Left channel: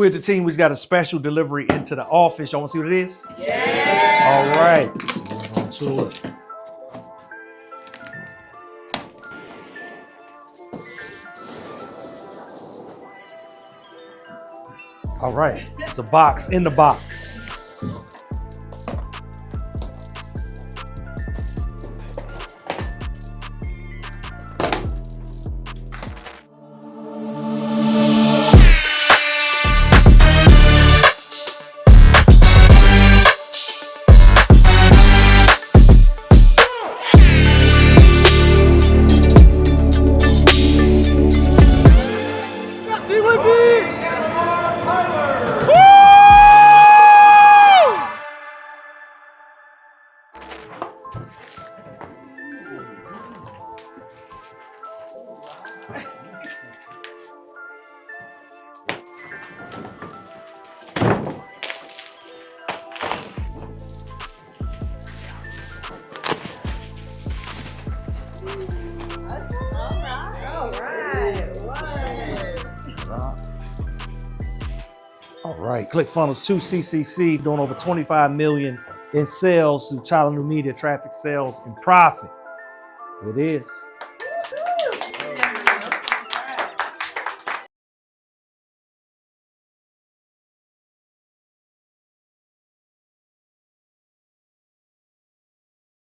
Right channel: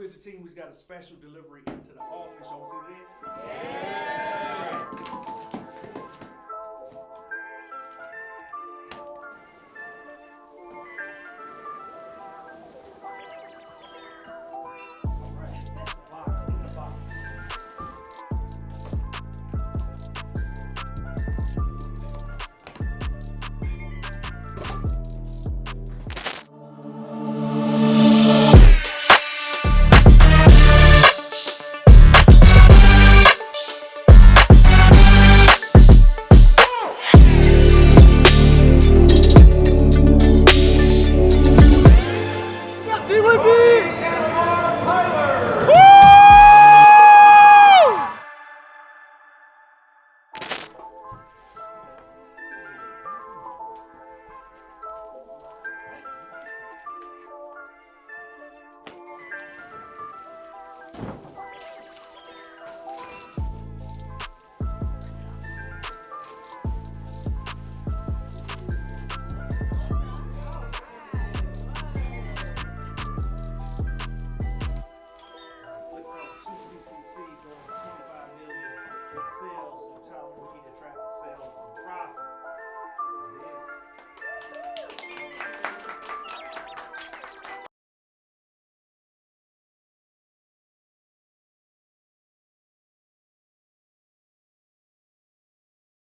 we're the team. We've got a special delivery into the office. Y'all want to see what it is? Yeah. All right. Let's get on to it. All right. It's a box in the box. All right, ClickFunnels 2CC doing over 25 million in sales through Tyler New Media, traffic, sales, and profit. It is.